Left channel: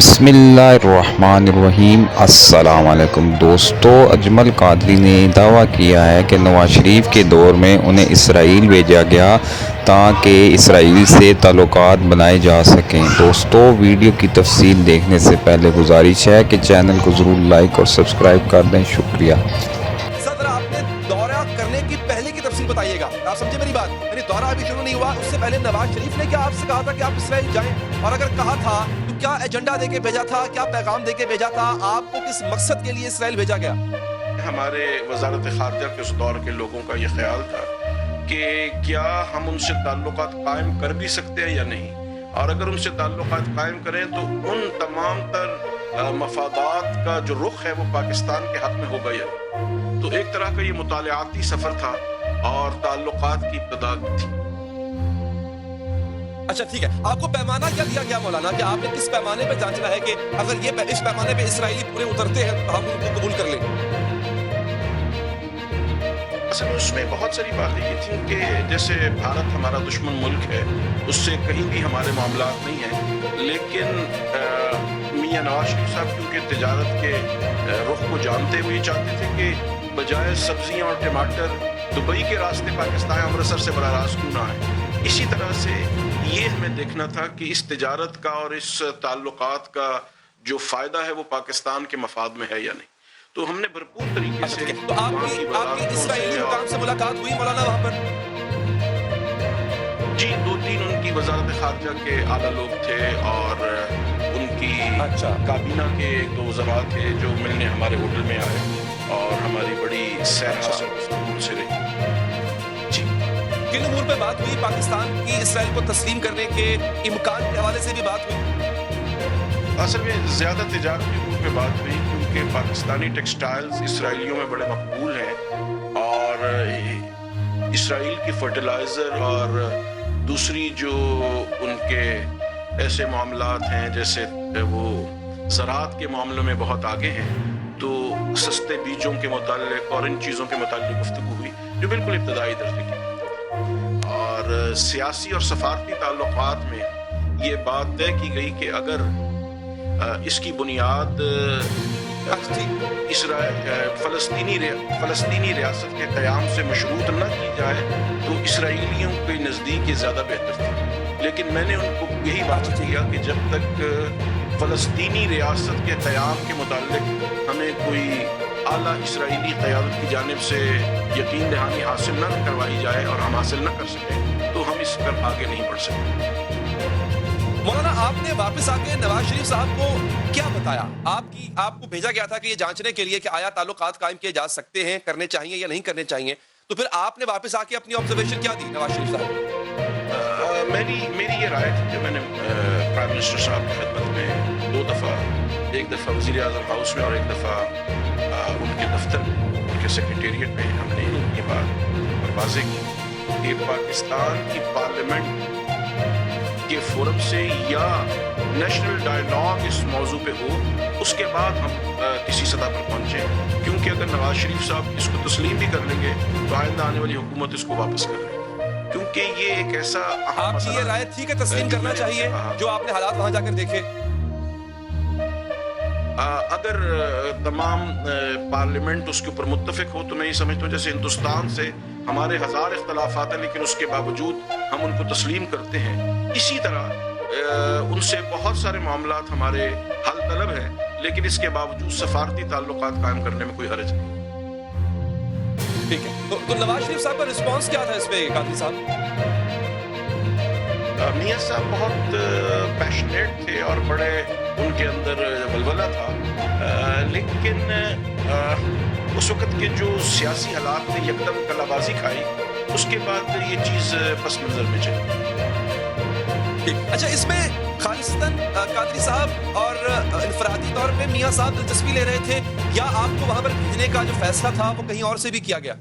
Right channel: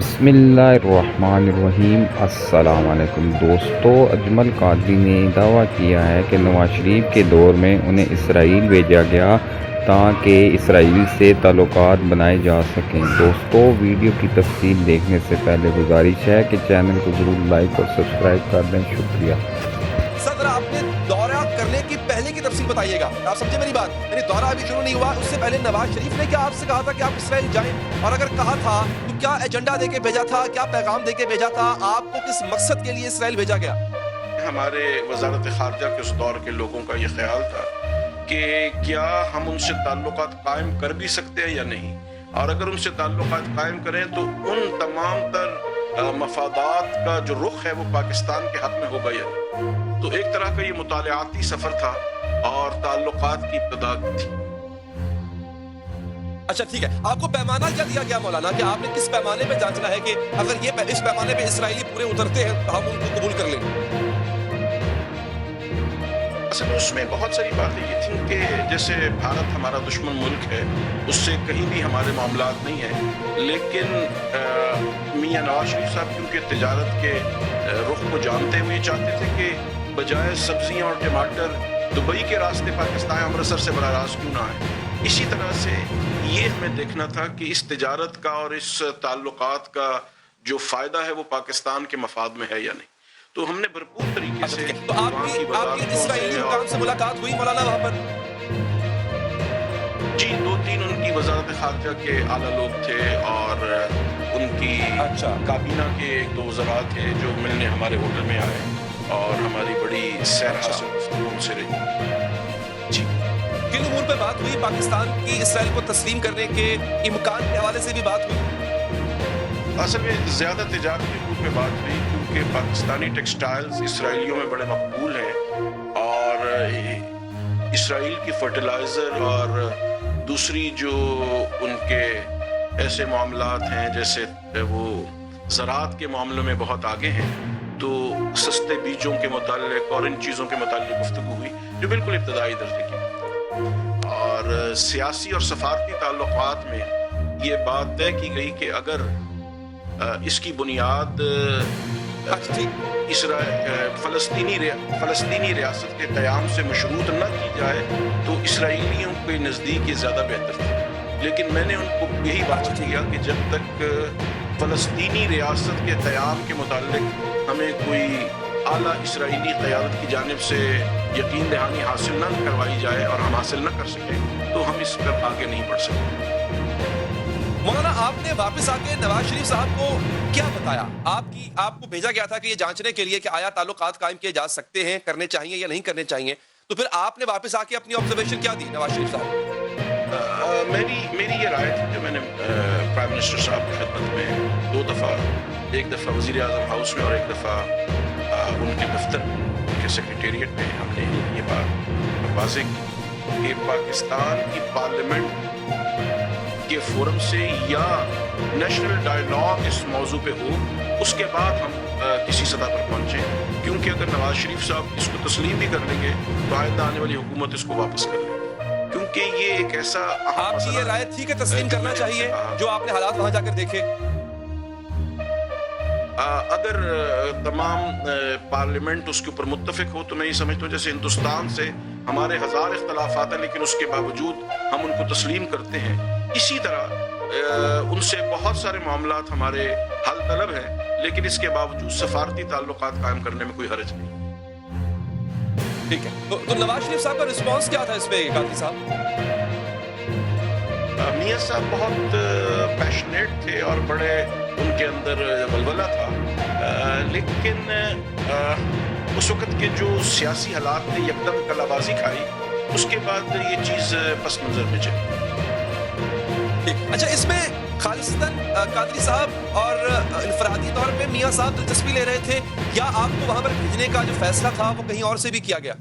बिस्मिल्लाहिर्रहमानिर्रहीम। अस्सलाम वालेकुम दोस्तों, अजमल कादरी ने दावा किया है कि नवाज शरीफ के दौर में उन्हें इसराइल भेजा गया ताकि इसराइल से ताल्लुकात बनाए जा सकें। दोस्तों, वीडियो की तफसील देखने से पहले गुजारिश है कि चैनल को ज़रूर लाइक और सब्सक्राइब कर दें। शुक्रिया। सर, आपने दौरा करने की पहले की तफसील बताइएगा। आप समझे मेरी बात? यानी दौरा अभी शुरू नहीं हुआ, उससे पहले नवाज शरीफ ने क्या आपसे कहा था कि आप इसराइल जाएं? और अगर कहा था तो क्या एजेंडा देके भेजा था, क्या पैगाम देके भेजा था? आपको किस मकसद के लिए इसराइल भेजा गया? हमारे वजारत खारजा के उस दौर के लोगों का ये ख्याल था कि क्या हम उनसे ताल्लुकात कायम कर भी सकते हैं या नहीं, और अगर उनसे ताल्लुकात कायम करें तो उन तमाम तर मफादात का जो रुख है वो पाकिस्तान के हक में होगा या नहीं। तो एक तरह का ये मुतालियाती सफर था और ताल्लुकात की इब्तिदा थी। अच्छा, ठीक है। आपको पैमाना क्या दिया गया मौलाना, कि आपने किस पैमाने पे जांचना है कि अगर ये इस पैमाने पे इसराइली पूरे उतरते हैं तो हम उनको कबूल कर लेंगे? असल में उसमें बहुत सारी बातें ये थी कि जैसे भारत हमारा दुश्मन मुल्क है, उससे कहीं भी हमारे मामलात नहीं है, लेकिन मियां नवाज शरीफ साहब क्योंकि तिजारत के रुख को जानते हुए चाहते थे कि बजाय सब्जियां और टमाटर दुबई के रास्ते पाकिस्तान अमृतसर से बराह रास्त क्यों ना आए। इसी तरह से ये हमें देखना था कि इस तिजारत का और इस ताल्लुकात का जो फ़ायदा है वो पाकिस्तान के मफाद में है या नहीं। तो हमने भरपूर तरीके से तो आपकी इसराइली हुकाम से मुलाकात हुई मौलाना वहां पर? जी, 2-3 उनकी वजारत खारजा के आला लोग थे और उनकी काबीना के 1-2 वज़रा थे जो मिलने हमारे होटल में आए और हमारी बड़ी सैर हासिल गुफ्तगू उनसे रही। जी, किन उमूर पे बात हुई? पाकिस्तान की इसराइल को तस्लीम करने के इम्कान के हवाले से भी बात हुई? असल में ज़्यादा तिजारती उमूर पे बात हुई क्योंकि पाकिस्तानी टेक्सटाइल्स इसराइलियों में बड़े मकबूल हैं और इसराइल की फर्टिलाइज़र और दूसरी जो उनके ऐसे मामलात हैं जैसे वो ज़राअत के मामलों में बहुत आगे हैं, तो सस्ते बीजों के मुताल्लिक और इन चीज़ों के मुताल्लिक गुफ्तगू हुई जो बिल्कुल इब्तदाई दर्जे की। और सियासी और सफारती ताल्लुकात में ये बात तय की गई कि अगर इसकी बुनियाद फ़लस्तीनी रियासत के क़याम से मशरूत न की जाए तो इसराइलियों के नज़दीक ये ज़्यादा बेहतर थी। लेकिन मैंने उनको यही बात किया कि जब तक फ़लस्तीनी रियासत के क़याम के मुताल्लिक हमें कोई आला इसराइली क़यादत की जानिब से यकीन दहानी हासिल न करवाई जाए और हम हासिल न कर सकें तो हम इस पर आगे नहीं बढ़ सकते। मौलाना, आपने वापस आके नवाज शरीफ साहब को क्या बताया? आपको भेजा गया था कि ये जांचने के लिए कि आया ताल्लुकात कायम किए जा सकते हैं, करने चाहिए या नहीं करने चाहिए, तो फिर आपने वापस आके अपनी ऑब्जर्वेशन क्या दी नवाज शरीफ साहब? मेरी ये राय थी जो मैंने प्राइम मिनिस्टर साहब की खिदमत में 2 दफ़ा, एक दफ़ा वज़ीर आज़म हाउस में और एक दफ़ा उनके दफ्तर में, उनके सेक्रेटेरिएट में हमने ये बात वाज़ेह की कि पाकिस्तान की पार्लियामेंट के फोरम से या नेशनल डायलॉग इस मौजू पे हो, उसके बाद हम किसी सतह पर पहुंचें, क्योंकि अगर नवाज शरीफ साहब इसको तस्लीम भी कर लेंगे तो आइंदा आने वाली हुकूमत इसको वापस कर लेगी, क्योंकि ये एक ऐसा आपकी ये राय थी कि तस्लीम करना चाहिए जो आपने हालात वहां जाकर देखे? अगर तमाम पार्लियामेंट उसके ऊपर मुत्तफिक हो तो मैं ये समझता हूँ जैसे हिंदुस्तान से हमारे 1000 इख्तलाफात हैं लेकिन उसके बावजूद हम उनको तस्लीम करते हैं, इसी तरह उनसे बहुत सारे मामलात हमारे हल तलब हैं लेकिन इसके बावजूद सफारती ताल्लुकात कायम करने में कोई हर्ज नहीं। ठीक है, तो नवाज शरीफ साहब का रिस्पांस क्या था इस पे कादरी साहब? मियां साहब बहुत पैशनेट थे और बड़े उनके अंदर वलवला था, लेकिन उस वक्त के जो सियासी हालात ने यकदम कलाबाजी खाई, उसके बाद ये चीज़ पस मंजर में चली। अच्छा, इसमें खालिस्तन कादरी साहब और इनफरादी तौर पे मियां साहब दिलचस्पी ले रहे थे या आपको वहां पर भेजने का जो फैसला था वो कहीं और से भी किया गया?